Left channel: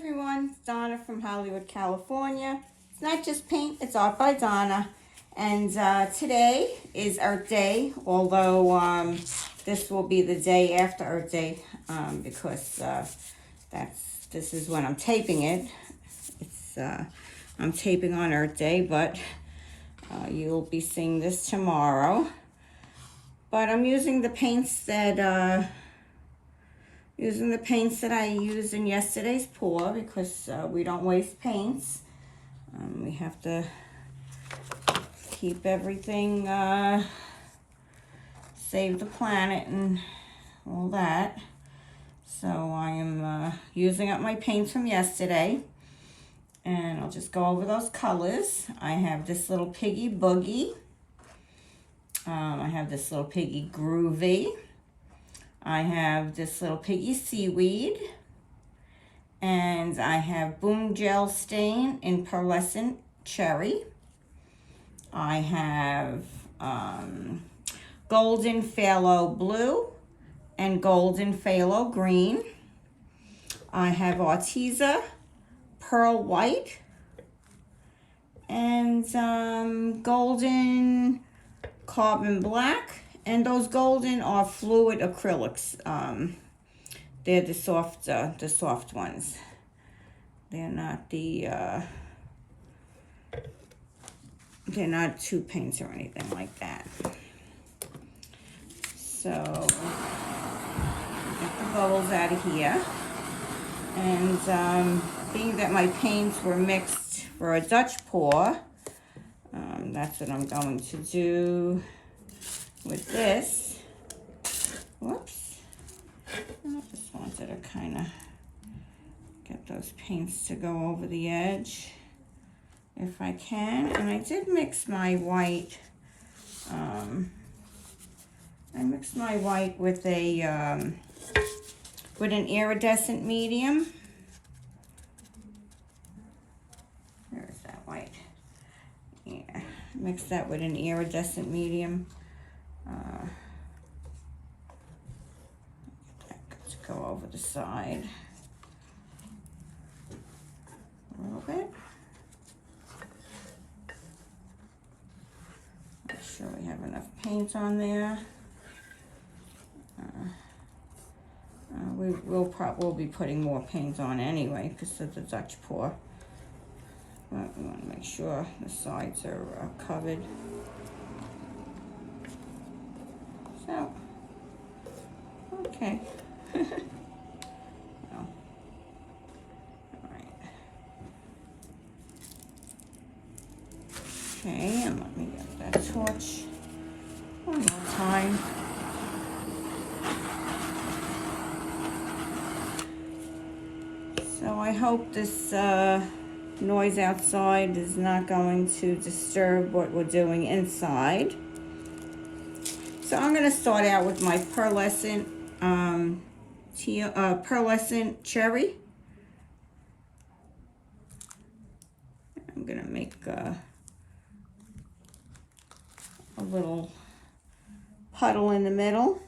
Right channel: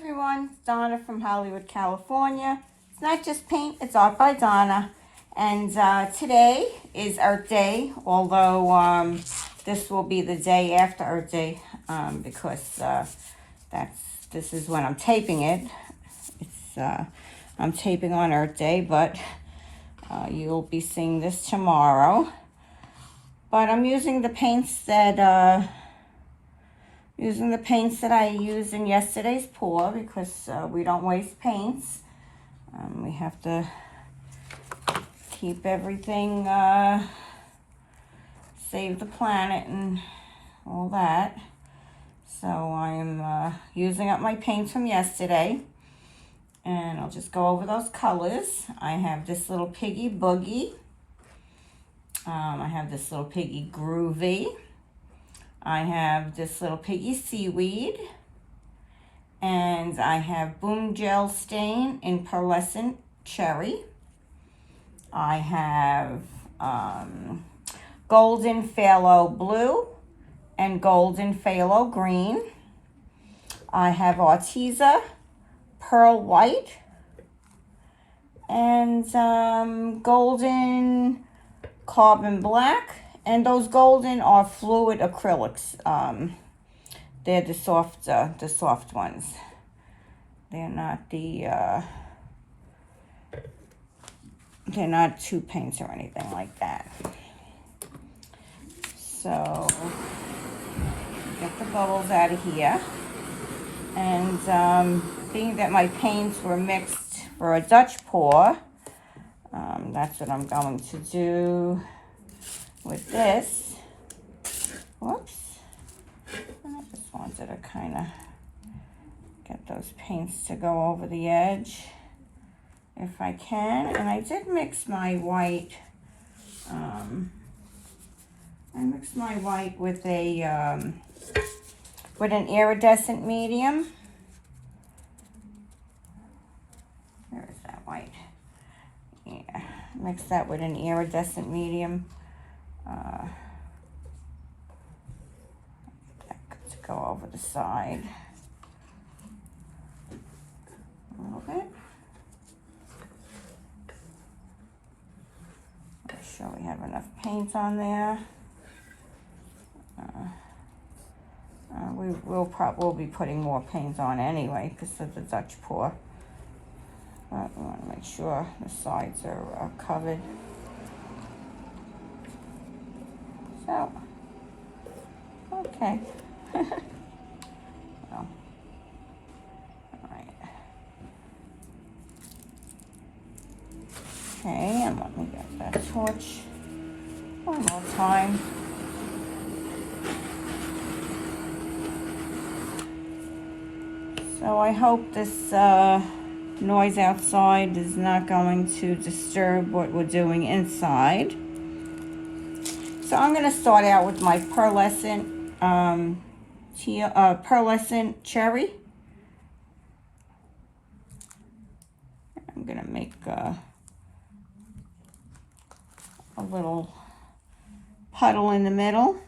everyone, it's Donna from Hollywood, California. It's not just paint, it's art by Donna. And today is Art Day, although this will be the day after Art Day because this is when I'm taping it. I'm taping on Art Day, but you'll be seeing this tomorrow. But I'm using the paints that I used in yesterday's pour because we don't waste paints. We have to keep everything, save the planet and all that. So I am using up my paints from yesterday. And I'll just go over those colors. I have this little Piggy Boogie. I have this little Piggy Groovy. I have this little Piggy Seaweed. And I have Boom Gel Stain in Pearlescent Cherry. I have Golden Phthalo Blue and Golden Phthalo Green. I have Arteza Pearl White and Golden Carbon Black. And those golden are fluid acrylics. They're the soft ones. They're not they're not tube paints or anything like that. So get the bowls out of here. And being that my paints were mixed for a Dutch pour, that's what I'm going to do with this. Whoops. I just wanted to kind of get those paints to go over the edge if I can. And I did mix my white. I mixed my white with a with an iridescent medium. Where is that white? Yeah, mix that with an iridescent medium. To go over the side a little bit. Make sure we have enough paint on there. We'll be putting more paint on anyway because of the Dutch pour. But we want to make sure the sides are covered. So, okay. Well, all right. Okay, and let me get that torch one more time. So I hope this noise outside is not going to disturb what we're doing inside. So I'm going to start out with my pearlescent, pearlescent cherry. I'm going to make a little puddle in the middle.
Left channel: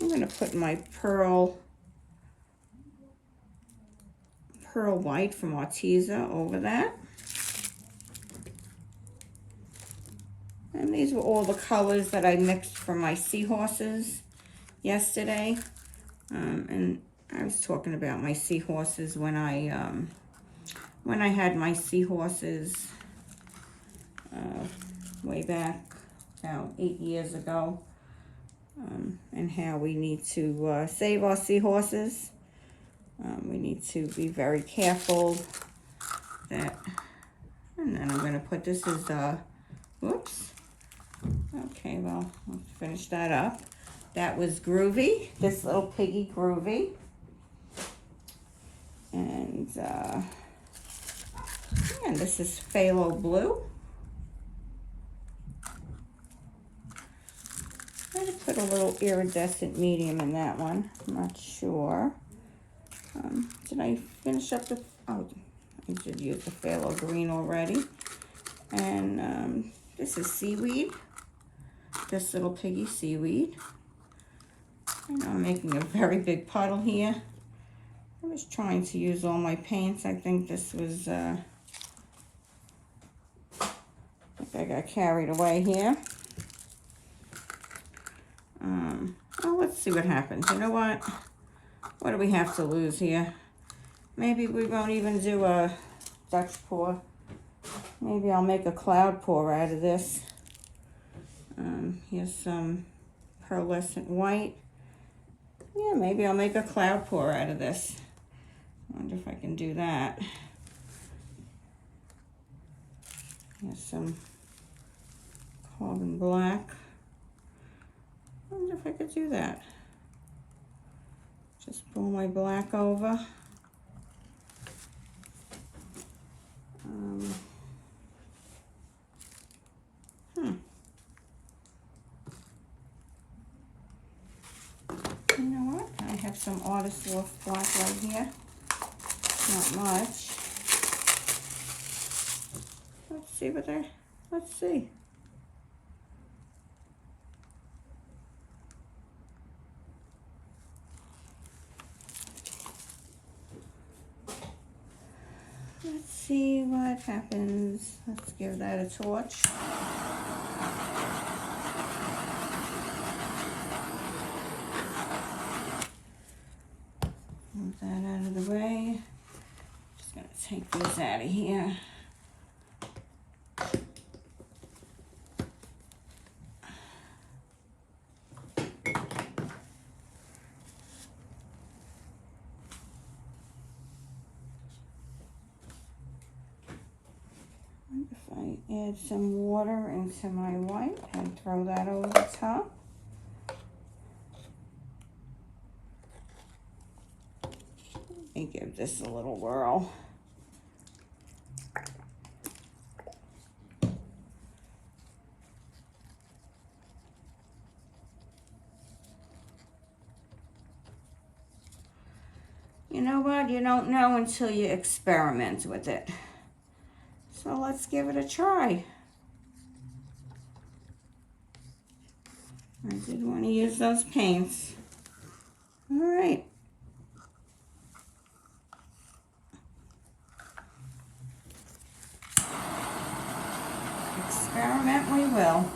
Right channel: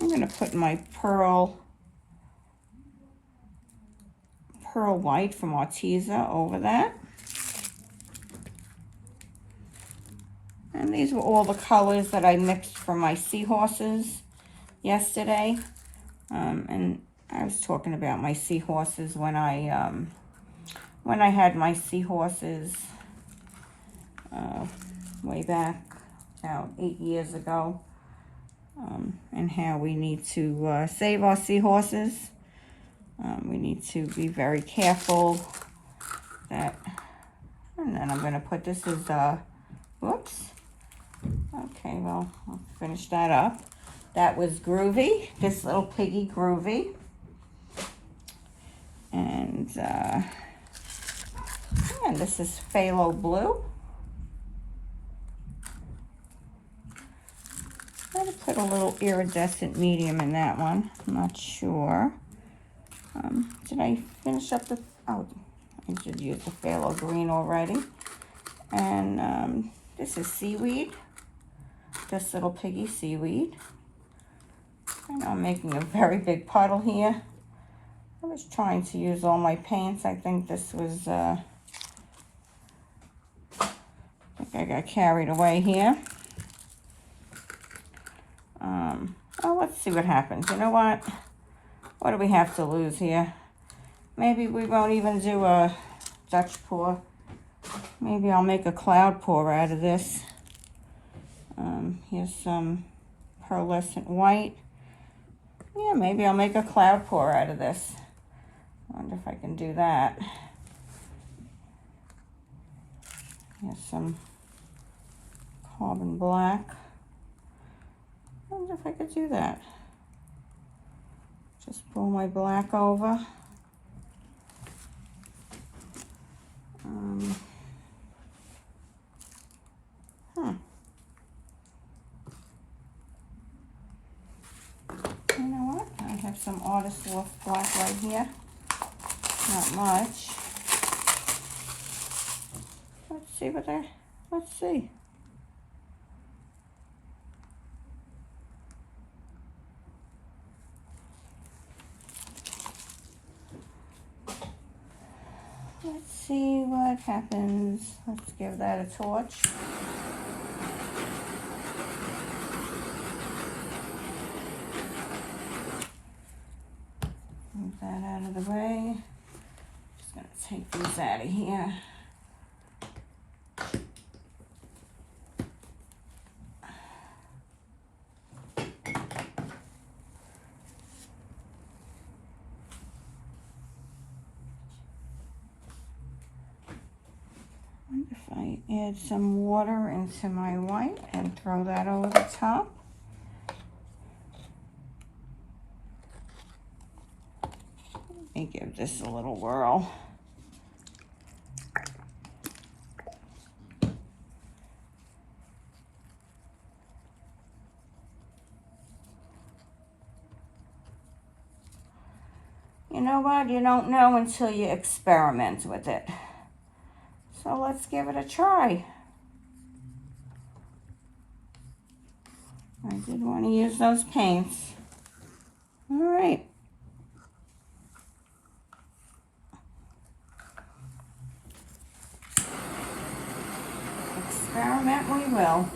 I'm going to put my pearl white from Arteza over that. And these were all the colors that I mixed for my seahorses yesterday. And I was talking about my seahorses when I had my seahorses way back about 8 years ago, and how we need to save our seahorses. We need to be very careful that, and then I'm going to put this as whoops. Okay, well, we'll finish that up. That was Groovy, this little Piggy Groovy. And this is Phthalo Blue. I'm going to put a little iridescent medium in that one. I'm not sure. Did I finish up the, oh, I did use the Phthalo Green already. And this is Seaweed. This little Piggy Seaweed. And I'm making a very big puddle here. I was trying to use all my paints. I think this was, I think I got carried away here. Oh, let's see what happens. You know what? What do we have to lose here? Maybe we won't even do a Dutch pour. Maybe I'll make a cloud pour out of this. Here's some pearlescent white. Yeah, maybe I'll make a cloud pour out of this. I wonder if I can do that. Here's some carbon black. I wonder if I could do that. Just pull my black over. You know what? I have some Artist Loft black right here. Not much. Let's see what let's see. Let's see what happens. Let's give that a torch. Move that out of the way. Just gonna take these out of here. If I add some water into my white and throw that over the top. Let me give this a little whirl. You know what? You don't know until you experiment with it. So let's give it a try. I did want to use those paints. All right. Experiment we will.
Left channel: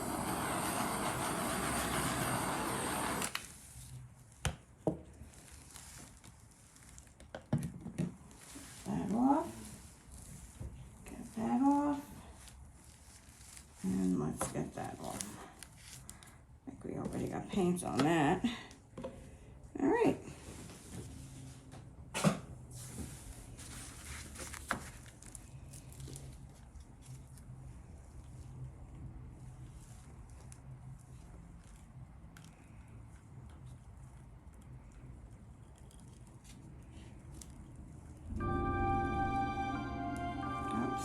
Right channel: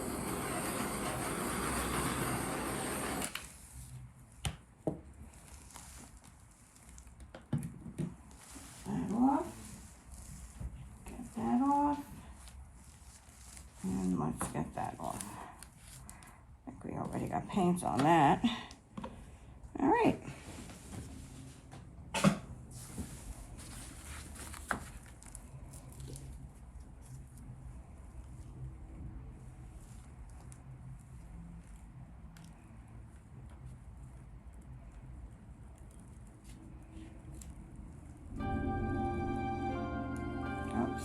That off. Get that off. And let's get that off. I think we already got paint on that. All right.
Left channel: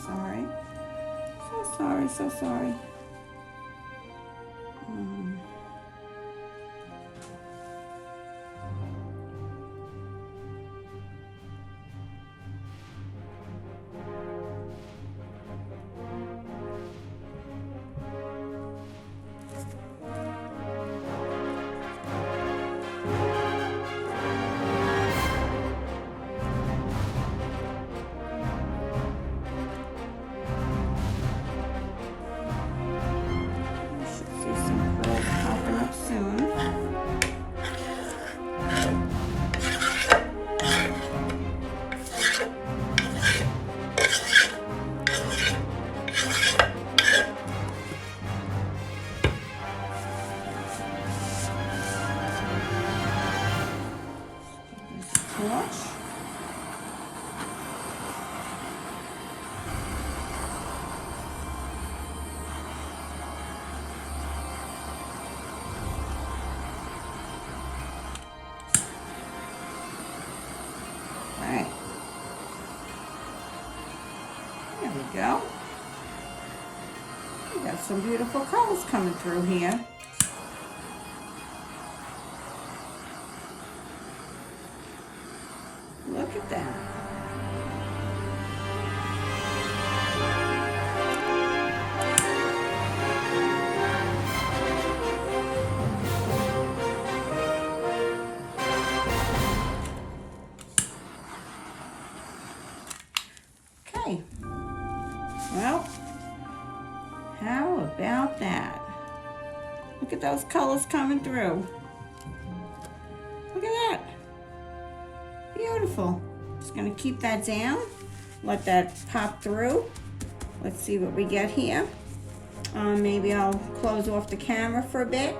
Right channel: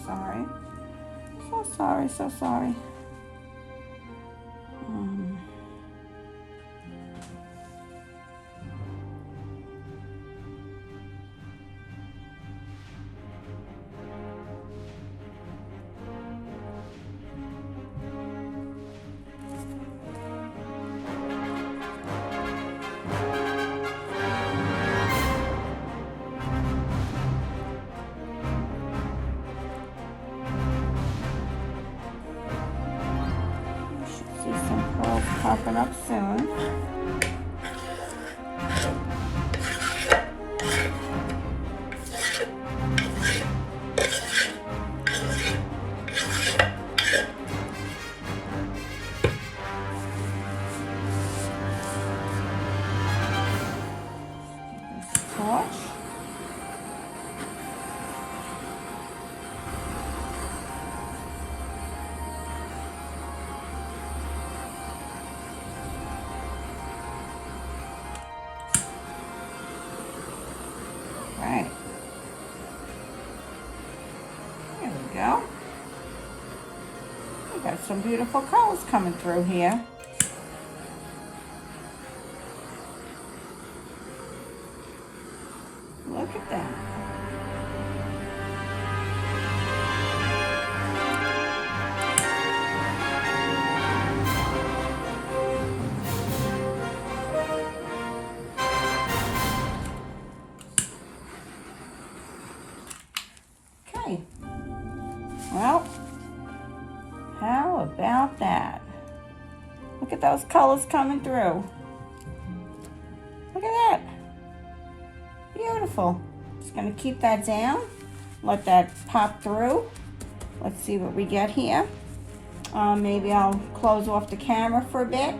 Sorry. So sorry, so sorry. Popping up soon. There we go. We got some beautiful colors coming through here. Look at that. about that? Look at those colors coming through. Look at that. Beautiful. Just gonna keep that down. Let that pop through. Let's see what we get here. Maybe I'll close off the camera for a bit.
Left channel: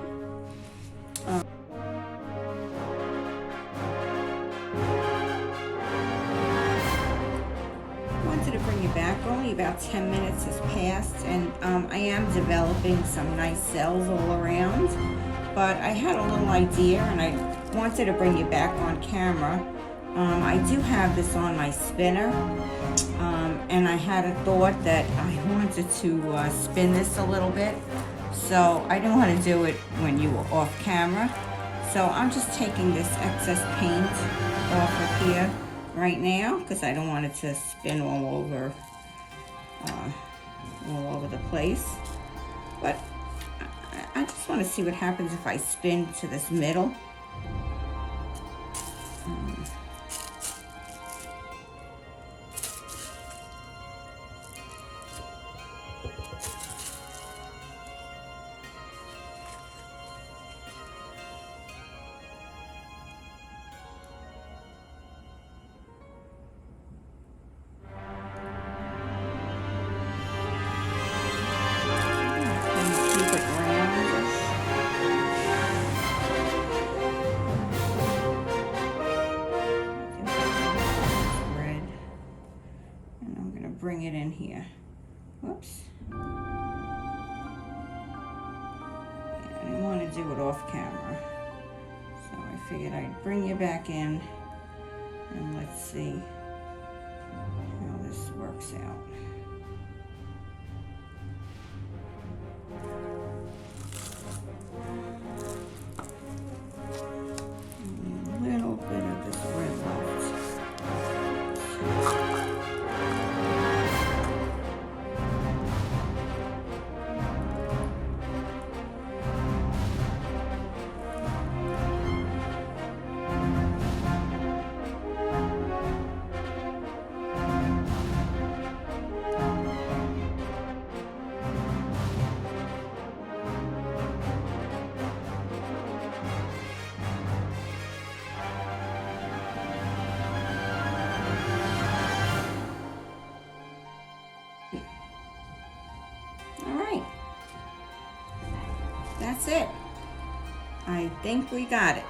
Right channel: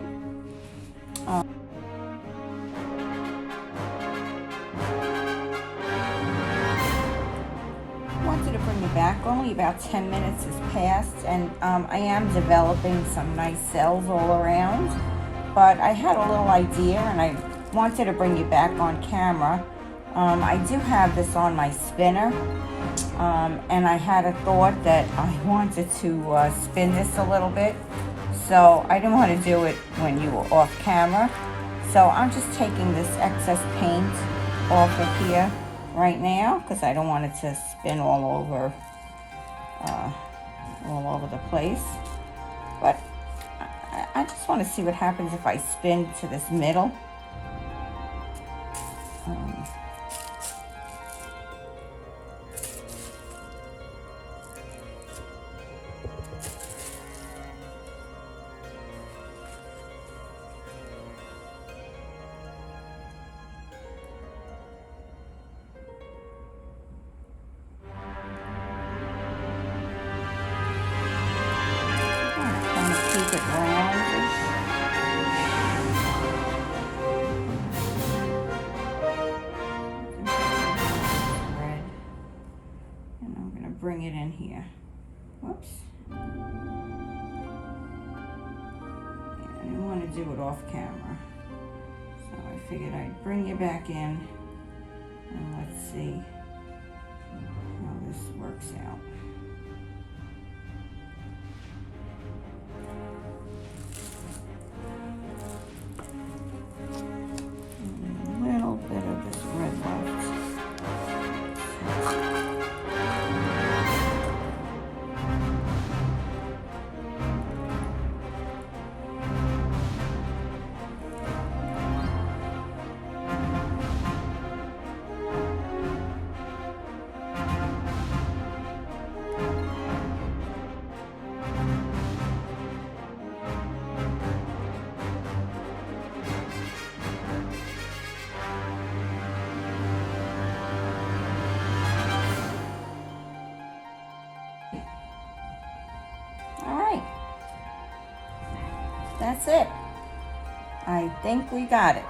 Wanted to bring you back. Only about 10 minutes has passed, and I am developing some nice cells all around. But I had a little idea, and I wanted to bring you back on camera. I do have this on my spinner, and I had a thought that I wanted to spin this a little bit, so I didn't want to do it when you were off camera. So I'm just taking this excess paint off of here right now because I don't want it to spin all over the place. But I just want to see what happens if I spin to this middle. Bring it in here. Whoops. Yeah, I didn't want to do it off camera. So I figured I'd bring you back in and let's see how this works out. A little bit of this red left. That's it. I think we got it.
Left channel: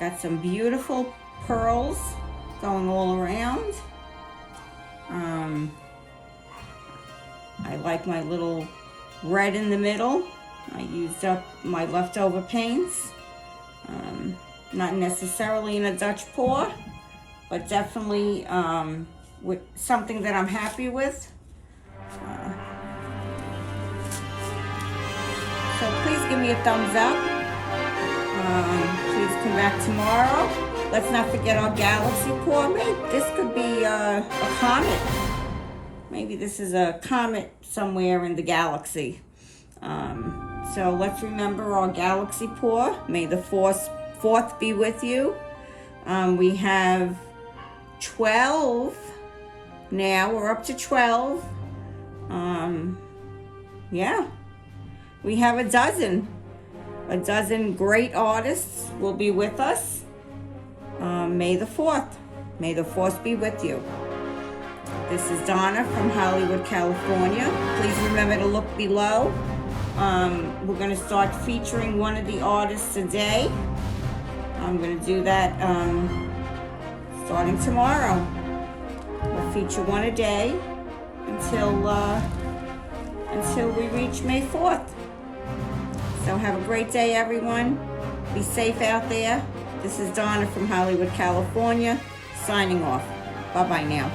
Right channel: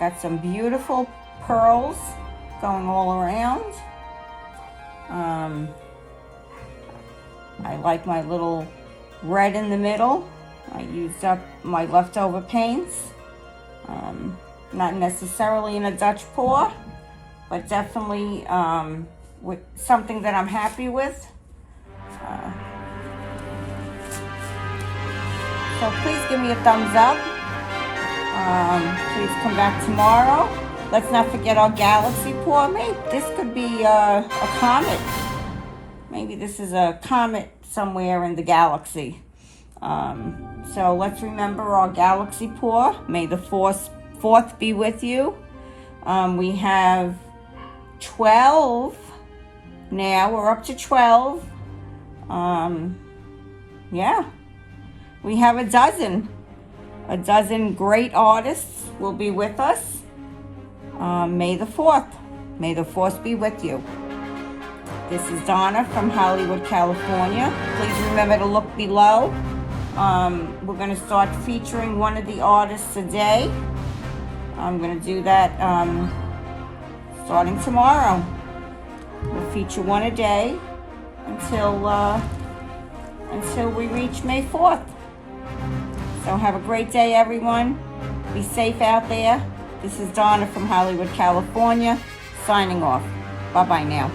Got some beautiful pearls going all around. I like my little red in the middle. I used up my leftover paints. Not necessarily in a Dutch pour, but definitely with something that I'm happy with. So please give me a thumbs up. Please come back tomorrow. Let's not forget our galaxy pour. Maybe this could be a comet. Maybe this is a comet somewhere in the galaxy. So let's remember our galaxy pour. May the fourth be with you. We have 12 now. We're up to 12. Yeah. We have a dozen great artists will be with us. May the 4th. May the 4th be with you. This is Donna from Hollywood, California. Please remember to look below. We're going to start featuring one of the artists a day. I'm going to do that starting tomorrow. We'll feature one a day until we reach May 4th. So have a great day, everyone. Be safe out there. This is Donna from Hollywood, California, signing off. Bye-bye now.